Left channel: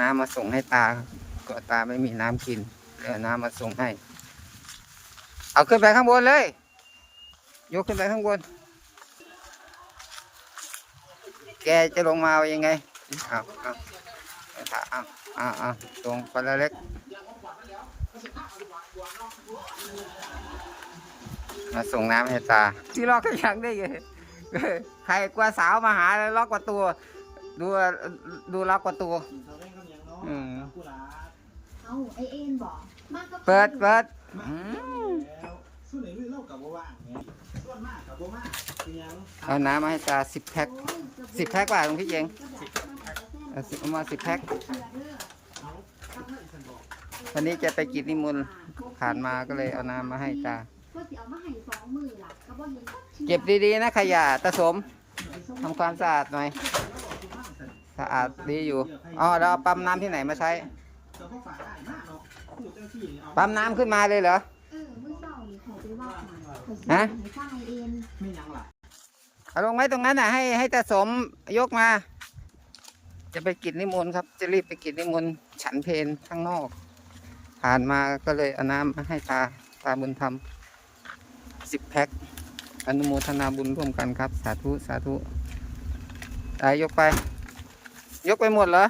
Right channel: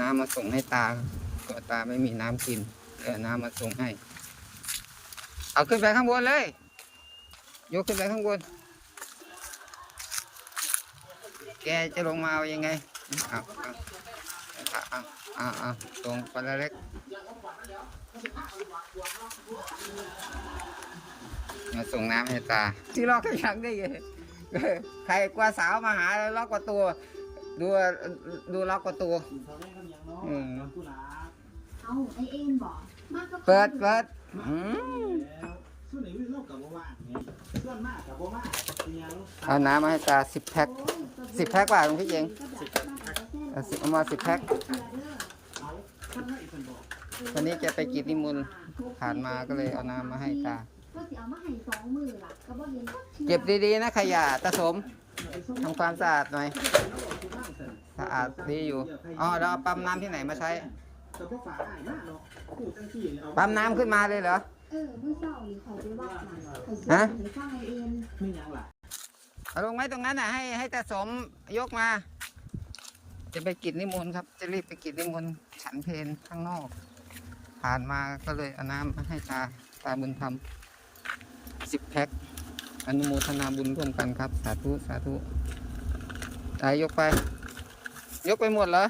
น้ำมาส่งให้ตา ก็ตาไม่มีน้ำกินเดี๋ยวเอาน้ำมาส่งให้ เอาขึ้นไปข้างบนเลย ยกขึ้นไปข้างบน แกจะลงมาเอายังไงเอาเอาเอาเอาเอาตรงคนละเล็กมาส่งน้ำให้ตา ที่ล็อกก็ยังได้ยังใครกลัว่าสาวมาหาแล้วล็อกประตูดูดูล็อกประตู อืมเอาไอเอ็นบอกมากก็เปิดเปิดอืมส่วนนี้เล่ากับบ่ว่างนี่ส่วนมากกับบ่มากเป็นหยังเอาน้ำมาให้ตาสิบแพ็คสิบแพ็คว่าหลวงพี่เองสิบเอาสิเอามาสิบแพ็ควันนี้จะไปกิจนิมนต์ผ่านมาก็เลยเอาน้ำมาให้ตาก็สิเอามาให้สองมือล่ะเขาบอกเห็นเก็บดีๆนะขยะตะสมทำความสะอาดหน่อย สะอาดดีอยู่ อ๋อเราเอาปั๊มน้ำที่ไหนมาใช้แต่บ่ฝาให้มากเนาะผู้จังซี่นี่เอาปั๊มน้ำขึ้นมาเลยเหรอเออมือเศร้านี่ข่อยไปว่าข่อยฮะข่อยสร้างไอเอ็นไม่หยังล่ะเอาลงไว้ตรงนั้นน่ะให้ให้ตาสมยกมา จะไปกิจนิมนต์ครับ จะรีบไปกิจนิมนต์ฉันเพลข้างนอก ผ่านมาก็เลยเอาน้ำมาให้ตาตาบุญธรรมสิบแพ็คอนุโมทนาบุญร่วมกันครับ สาธุ สาธุตายยกไป ยกไปหมดเหรอ